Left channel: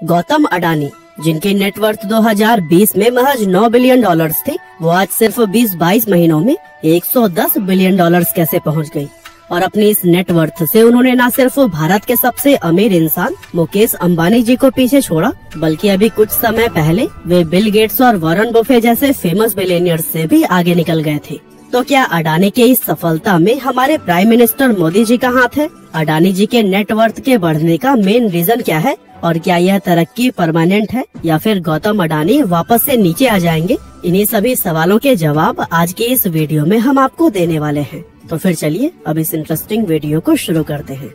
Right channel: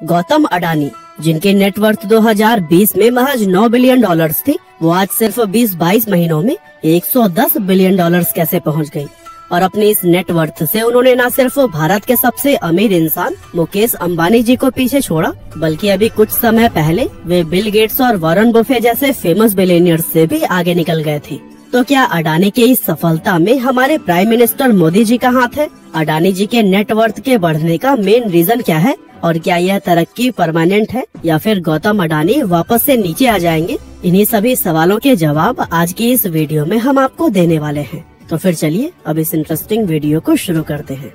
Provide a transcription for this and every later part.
गौतम अडानी, जिनकी नेटवर्थ 2020 में महज $9 बिलियन थी, वो आज सिर्फ 20-22 महीनों में $110 बिलियन कैसे पहुंच गई। और अपनी इस नेटवर्थ से उन्होंने न सिर्फ भारत के सबसे अमीर इंसान मुकेश अंबानी जी को पीछे छोड़ा, बल्कि अभी कुछ समय पहले वे बिल गेट्स और वॉरेन बुफे जैसे फेमस बिलियनियर्स से भी आगे निकल गए थे। तो क्या अडानी के इस सफलता में हमारे प्राइम मिनिस्टर मोदी जी का हाथ है? अडानी जी के नेटवर्थ के बढ़ने का मेन रीजन क्या है और क्या यह तरक्की परमानेंट है या फिर गौतम अडानी वापस से नीचे आ जाएंगे? इन्हीं सभी सवालों के जवाब आज की इस वीडियो में हम आपको देने वाले हैं। तो फिर चलिए अब इस इंटरेस्टिंग वीडियो को शुरू करते हैं।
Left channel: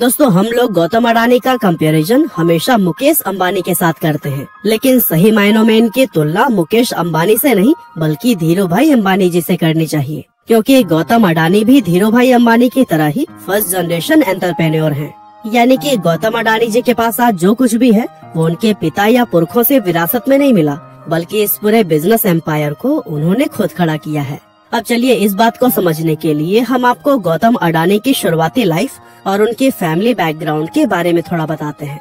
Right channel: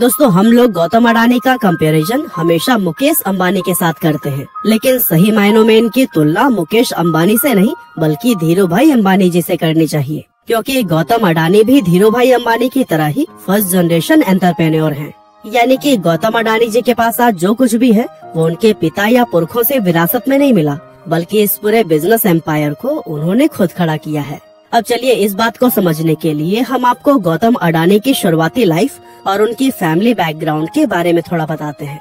दोस्तों, हम लोग गौतम अडानी का कंपैरिजन हमेशा मुकेश अंबानी के साथ करते हैं, लेकिन सही मायनों में इनकी तुलना मुकेश अंबानी से नहीं बल्कि धीरू भाई अंबानी जी से करनी चाहिए, क्योंकि गौतम अडानी भी धीरू भाई अंबानी की तरह ही फर्स्ट जनरेशन एंटरप्रेन्योर हैं। यानी कि गौतम अडानी जी के पास आज जो कुछ भी है वो उनके पिता या पुरखों से विरासत में नहीं मिला, बल्कि इस पूरे बिजनेस एम्पायर को उन्होंने खुद खड़ा किया है। अब चलिए इस बात को समझने के लिए हम आपको गौतम अडानी की शुरुआती लाइफ और उनके फैमिली बैकग्राउंड के बारे में थोड़ा बताते हैं।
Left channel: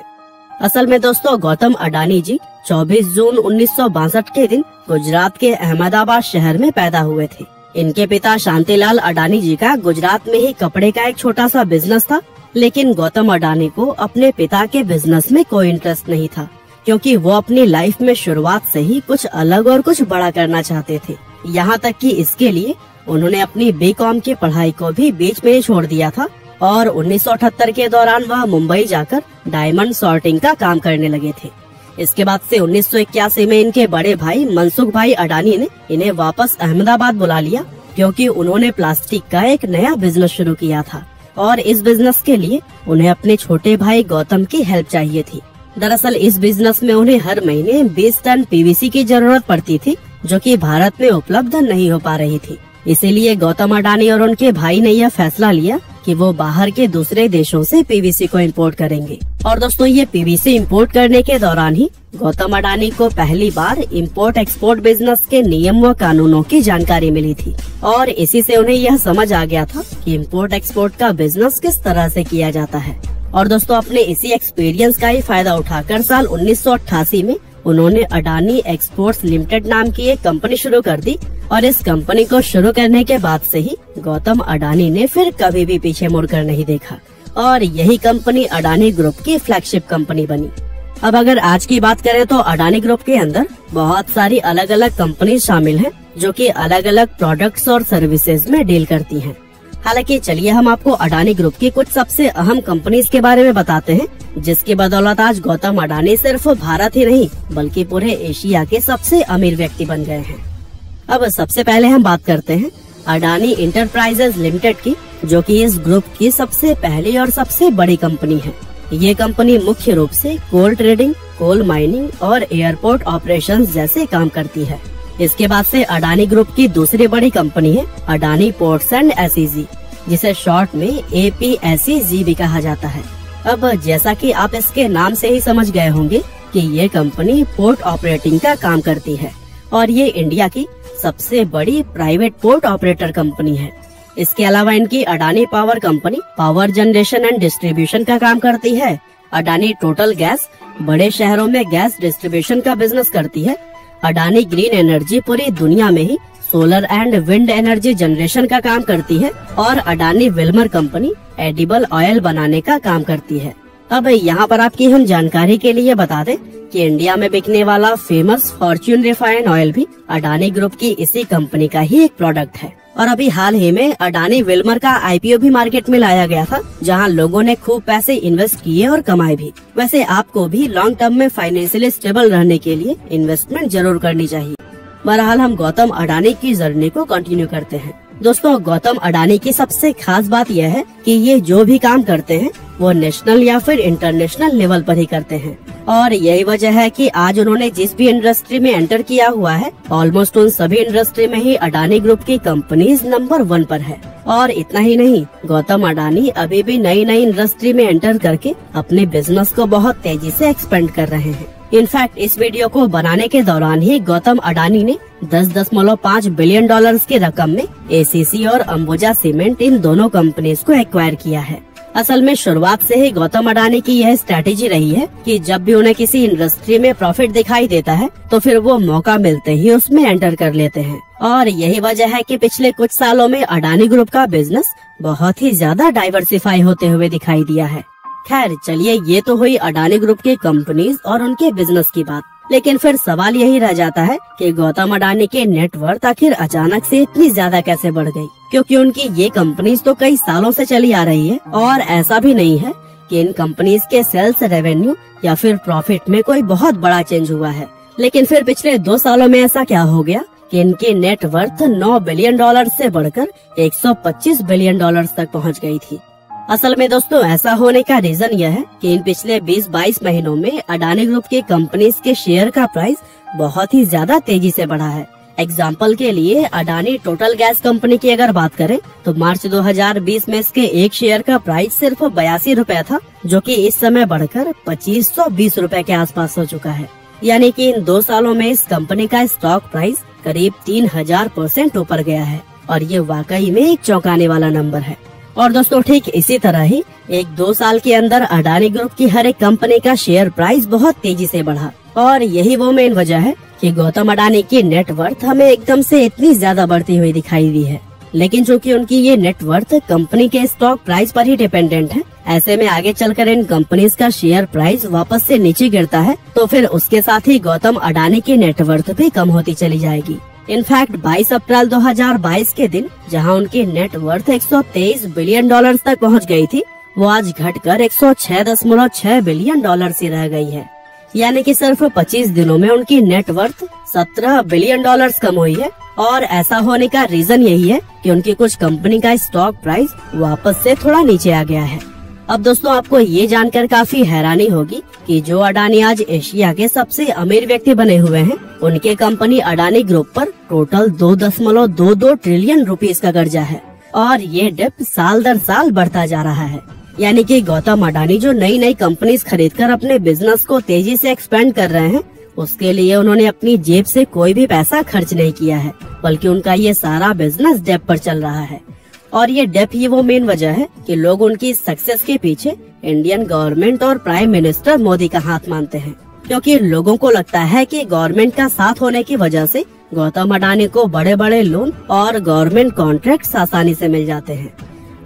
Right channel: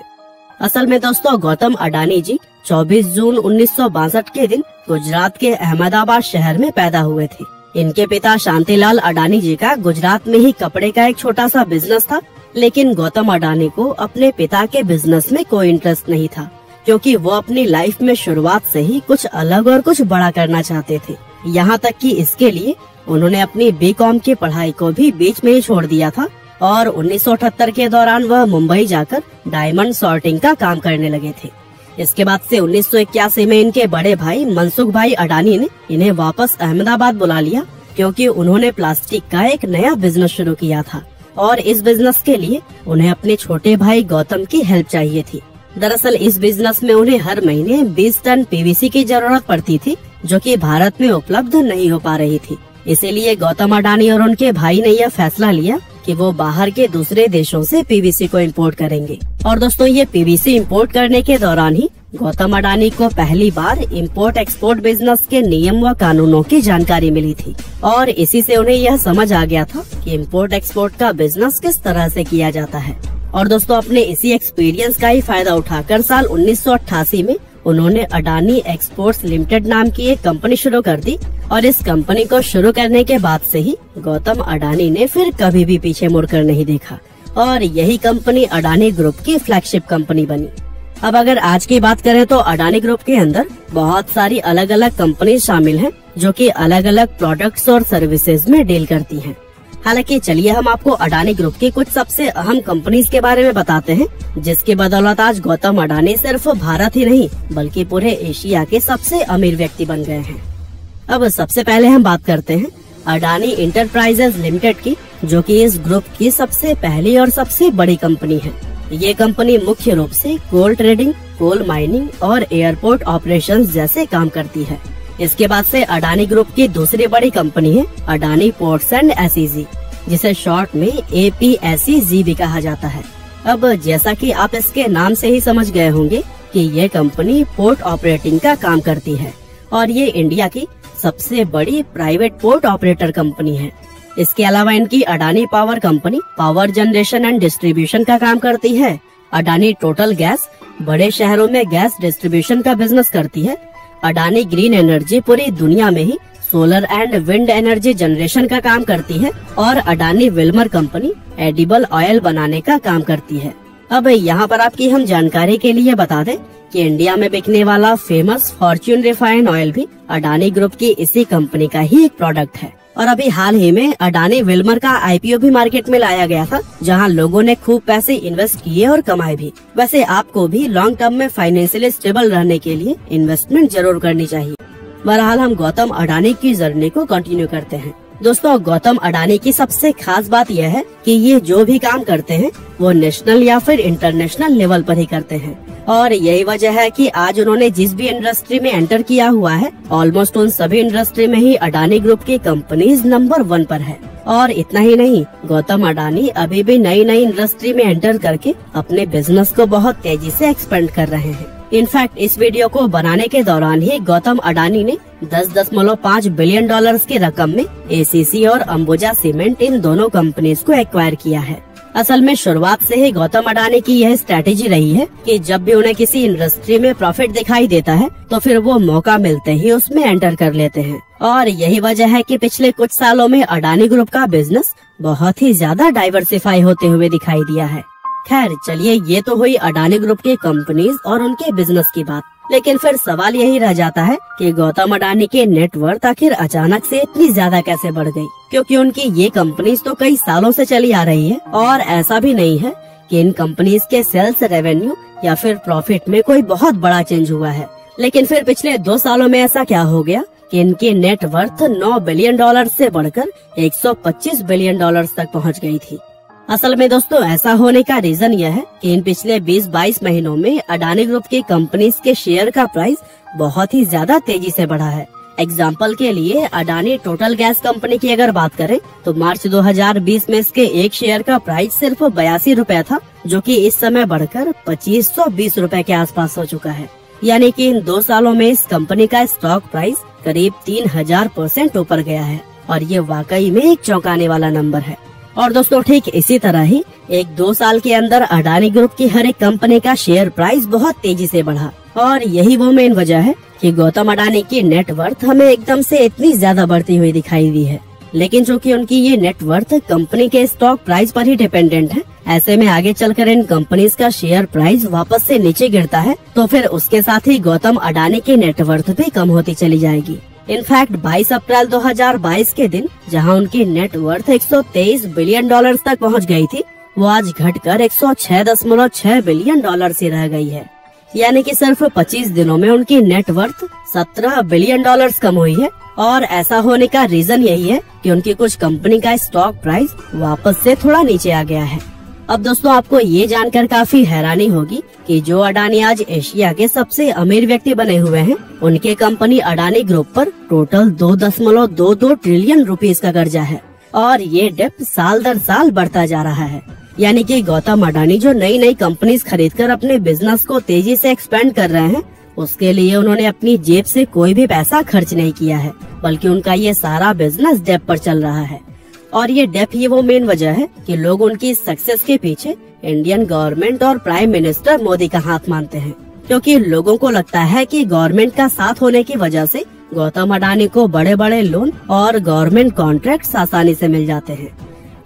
असल में दोस्तों, गौतम अडानी जी 24 जून 1962 के दिन गुजरात के अहमदाबाद शहर में पैदा हुए थे। इनके पिता शांतिलाल अडानी जी का गुजरात में ही कपड़े का एक छोटा सा बिजनेस था, लेकिन गौतम अडानी को अपने पिता के बिजनेस में कोई इंटरेस्ट नहीं था, क्योंकि वो अपनी लाइफ में शुरुआत से ही कुछ अलग और कुछ बड़ा करना चाहते थे। यहाँ तक कि इसके लिए उन्होंने अपनी बीकॉम की पढ़ाई को भी बीच में ही छोड़ दिया था और 1978 के दौरान वह मुंबई जाकर डायमंड सॉर्टिंग का काम करने लगे थे। इसके बाद से 1981 में इनके बड़े भाई मनसुख भाई अडानी ने इन्हें वापस अहमदाबाद बुला लिया, क्योंकि उन्होंने प्लास्टिक का एक नया बिजनेस शुरू किया था और इस बिजनेस के लिए उन्हें अपने छोटे भाई गौतम की हेल्प चाहिए थी। दरअसल इस बिजनेस में उन्हें हर महीने 20 टन पीवीसी की जरूरत पड़ती थी, जो कि भारत में उपलब्ध नहीं हो पा रही थी। इसीलिए गौतम अडानी और उनके भाई ने यह फैसला लिया कि वो बाहर के दूसरे देशों से पीवीसी को इंपोर्ट करेंगे। और दोस्तों, ये पीवीसी इंपोर्ट करने के दौरान ही गौतम अडानी को पहली बार इंपोर्ट एक्सपोर्ट बिजनेस के नियम व कानूनों की जानकारी मिली थी और इसी से उन्हें यह समझ आ गया था कि इंपोर्ट एक्सपोर्ट का बिजनेस किस तरह से किया जाता है। और दोस्तों, अपने इसी एक्सपीरियंस का ही फायदा उठाकर साल 1988 में उन्होंने अडानी एक्सपोर्ट्स लिमिटेड नाम की एक कंपनी शुरू कर दी और इस कंपनी को शुरू करने के बाद से ही गौतम अडानी ने फिर कभी भी पीछे मुड़कर नहीं देखा और यही कंपनी अडानी ग्रुप की फ्लैगशिप कंपनी बनी। अब अगर आज की बात करें तो अडानी ग्रुप के अंदर बहुत सारी अलग अलग कंपनी शामिल हैं, जो कि अलग अलग प्रोडक्ट्स और सर्विसेज में डील करती हैं। हालांकि चलिए हम आपको अडानी ग्रुप के कुछ सबसे अहम कंपनीज के बारे में बताते हैं, जिसकी बदौलत आज गौतम अडानी सिर्फ भारत ही नहीं बल्कि पूरे एशिया के सबसे अमीर व्यक्ति बन गए हैं। अब सबसे पहले हम बात करते हैं अडानी इंटरप्राइजेज लिमिटेड की, जो कि इस ग्रुप की सबसे पहली और सबसे बड़ी कंपनी है। ये कंपनी मुख्य रूप से कोल ट्रेडिंग, कोल माइनिंग और एयरपोर्ट ऑपरेशंस जैसे काम करती है। इसके बाद से अडानी ग्रुप की दूसरी बड़ी कंपनी है अडानी पोर्ट्स एंड एसईजी, जिसे शॉर्ट में APSEZ भी कहा जाता है। अब जैसा कि आप इसके नाम से ही समझ गए होंगे कि ये कंपनी पोर्ट ऑपरेटिंग का काम करती है और ये इंडिया की सबसे बड़ी प्राइवेट पोर्ट ऑपरेटर कंपनी है। इसके अलावा इनकी Adani power company power generation and distribution का काम करती है। अडानी टोटल गैस बड़े शहरों में गैस डिस्ट्रीब्यूशन का बिजनेस करती है। अडानी ग्रीन एनर्जी पूरी दुनिया में ही solar and wind energy generation का काम करती है और Adani Wilmar company edible oil बनाने का काम करती है। अब यहाँ पर आपकी हम जानकारी के लिए बता दें कि इंडिया में बिकने वाला फेमस फॉर्च्यून रिफाइंड ऑयल भी अडानी ग्रुप की इसी कंपनी का ही एक प्रोडक्ट है। और अभी हाल ही में अडानी विल्मर का IPO भी मार्केट में लाया गया था, जहां लोगों ने खूब पैसे इन्वेस्ट किए और कमाए भी। वैसे आपको भी लॉन्ग टर्म में फाइनेंशियली स्टेबल रहने के लिए इन्वेस्टमेंट जरूर करनी चाहिए। बहरहाल हम गौतम अडानी की जर्नी को कंटिन्यू करते हैं। दोस्तों, गौतम अडानी की सबसे खास बात यह है कि ये जो भी काम करते हैं वो नेशनल या फिर इंटरनेशनल लेवल पर ही करते हैं और यही वजह है कि आज उन्होंने जिस भी इंडस्ट्री में एंटर किया हुआ है, ऑलमोस्ट उन सभी इंडस्ट्री में ही अडानी ग्रुप की कंपनीज नंबर 1 पर है। और इतना ही नहीं, गौतम अडानी अभी भी नई नई इंडस्ट्री में एंटर करके अपने बिजनेस को बहुत तेजी से एक्सपेंड कर रहे हैं। इनफैक्ट इस वीडियो को बनाने के दौरान ही गौतम अडानी ने $10.5 बिलियन की रकम में ACC और अंबुजा सीमेंट इन दोनों कंपनीज को एक्वायर किया है। असल में शुरुआत से ही गौतम अडानी की यह स्ट्रैटेजी रही है कि जब भी उन्हें किसी इंडस्ट्री में प्रॉफिट दिखाई देता है तो फिर वो मौका मिलते ही उसमें एंटर कर लेते हैं। और यही वजह है कि पिछले कुछ सालों में अडानी ग्रुप का बिजनेस बहुत ही ज्यादा डाइवर्सिफाई होते हुए दिखाई दिया है। खैर चलिए, ये तो हुई अडानी ग्रुप की कंपनीज और उनके बिजनेस की बात, लेकिन फिर सवाल यही रह जाता है कि गौतम अडानी के नेटवर्थ आखिर अचानक से इतनी ज्यादा कैसे बढ़ गई, क्योंकि उनकी ये कंपनीज तो कई सालों से चली आ रही है और ऐसा भी नहीं है कि इन कंपनीज के सेल्स रेवेन्यू या फिर प्रॉफिट में कोई बहुत बड़ा चेंज हुआ है। लेकिन फिर पिछले 2 सालों में ऐसा क्या हो गया कि इनकी नेटवर्थ $9 बिलियन से बढ़कर $125 बिलियन तक पहुंच गई थी। असल में दोस्तों, ऐसा होने का रीजन यह है कि इन पिछले 20-22 महीनों में अडानी ग्रुप की कंपनीज के शेयर का प्राइस बहुत ही ज्यादा तेजी से बढ़ा है। एग्जाम्पल के लिए अडानी टोटल गैस कंपनी की अगर बात करें तो मार्च 2020 में इसके एक शेयर का प्राइस सिर्फ 82 रुपए था, जो कि इस समय बढ़कर 2520 रुपए के आसपास हो चुका है। यानी कि इन 2 सालों में इस कंपनी का स्टॉक प्राइस करीब 3000% ऊपर गया है और ये वाकई में एक चौंकाने वाला नंबर है। और दोस्तों, ठीक इसी तरह ही 1-2 साल के अंदर अडानी ग्रुप की हर एक कंपनी का शेयर प्राइस बहुत तेजी से बढ़ा और यही वो मेन वजह है कि गौतम अडानी की नेटवर्थ हमें एकदम से इतनी ज्यादा बढ़ती हुई दिखाई दी है। लेकिन चूंकि उनकी ये नेटवर्थ कंपनी के स्टॉक प्राइस पर ही डिपेंडेंट है, ऐसे में आगे चलकर इन कंपनीज का शेयर प्राइस वापस से नीचे गिरता है तो फिर उसके साथ ही गौतम अडानी की नेटवर्थ भी कम होती चली जाएगी। इनफैक्ट 22 अप्रैल 2022 के दिन जहां उनकी नेटवर्थ $123 बिलियन तक पहुंच गई थी, वो आज घटकर $106.6 बिलियन से रह गई है। यानी कि सिर्फ 25 दिनों में उनकी नेटवर्थ $17 बिलियन कम हुई है। और ऐसा होने का रीजन यही है कि उनकी कुछ कंपनी का स्टॉक प्राइस वापस से थोड़ा नीचे आ गया है। अब दोस्तों, आपको ये जानकर काफी हैरानी होगी कि जो अडानी आज एशिया के सबसे अमीर व्यक्ति बने हुए हैं, उनके कंपनी अडानी ग्रुप पर टोटल 2.22 ट्रिलियन रुपीस का कर्जा है और ये डेप्ट साल दर साल बढ़ता जा रहा है। यानी कि गौतम अडानी जो नई नई कंपनीज खरीदकर अपने बिजनेस को तेजी से एक्सपेंड कर रहे हैं, उसके लिए उन्होंने अपनी जेब से कोई भी पैसा खर्च नहीं किया है, बल्कि उनका ये सारा बिजनेस डेप पर चल रहा है। और ये डेप ही वो मेन वजह है कि लोग उनकी सक्सेस के पीछे इंडियन गवर्नमेंट और प्राइम मिनिस्टर मोदी का हाथ मानते हैं, क्योंकि लोगों को लगता है कि गवर्नमेंट का साथ होने की वजह से गौतम अडानी को बड़े बड़े लोन और गवर्नमेंट कॉन्ट्रैक्ट आसानी से मिल जाते हैं।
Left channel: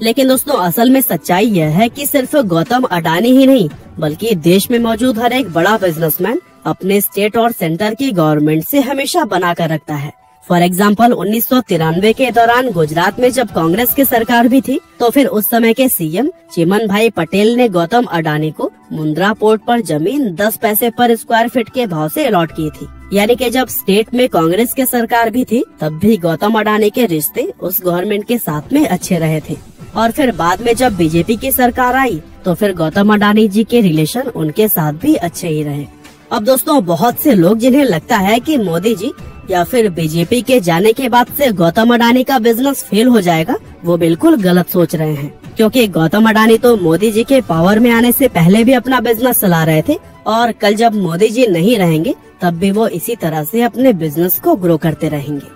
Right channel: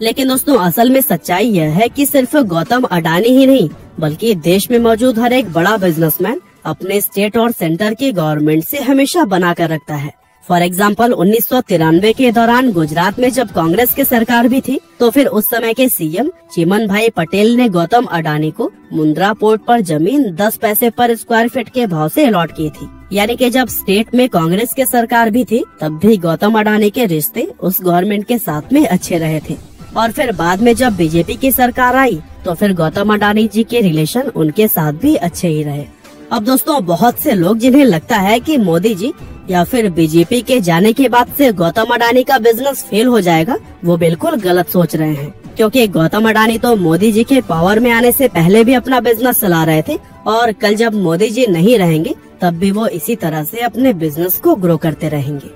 लेकिन दोस्तों, असल में सच्चाई यह है कि सिर्फ गौतम अडानी ही नहीं, बल्कि देश में मौजूद हर एक बड़ा बिजनेसमैन अपने स्टेट और सेंटर की गवर्नमेंट से हमेशा बना कर रखता है। फॉर एग्जाम्पल 1993 के दौरान गुजरात में जब कांग्रेस की सरकार भी थी, तो फिर उस समय के सीएम चिमन भाई पटेल ने गौतम अडानी को मुंद्रा पोर्ट पर जमीन 10 पैसे पर स्क्वायर फीट के भाव से अलॉट की थी। यानी कि जब स्टेट में कांग्रेस की सरकार भी थी, तब भी गौतम अडानी के रिश्ते उस गवर्नमेंट के साथ में अच्छे रहे थे। और फिर बाद में जब बीजेपी की सरकार आई, तो फिर गौतम अडानी जी के रिलेशन उनके साथ भी अच्छे ही रहे। अब दोस्तों, बहुत से लोग जिन्हें लगता है कि मोदी जी या फिर बीजेपी के जाने के बाद से गौतम अडानी का बिजनेस फेल हो जाएगा, वो बिल्कुल गलत सोच रहे हैं, क्योंकि गौतम अडानी तो मोदी जी के पावर में आने से पहले भी अपना बिजनेस चला रहे थे और कल जब मोदी जी नहीं रहेंगे तब भी वो इसी तरह से अपने बिजनेस को ग्रो करते रहेंगे।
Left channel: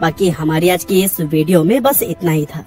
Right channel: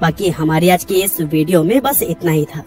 बाकी हमारी आज की इस वीडियो में बस इतना ही था।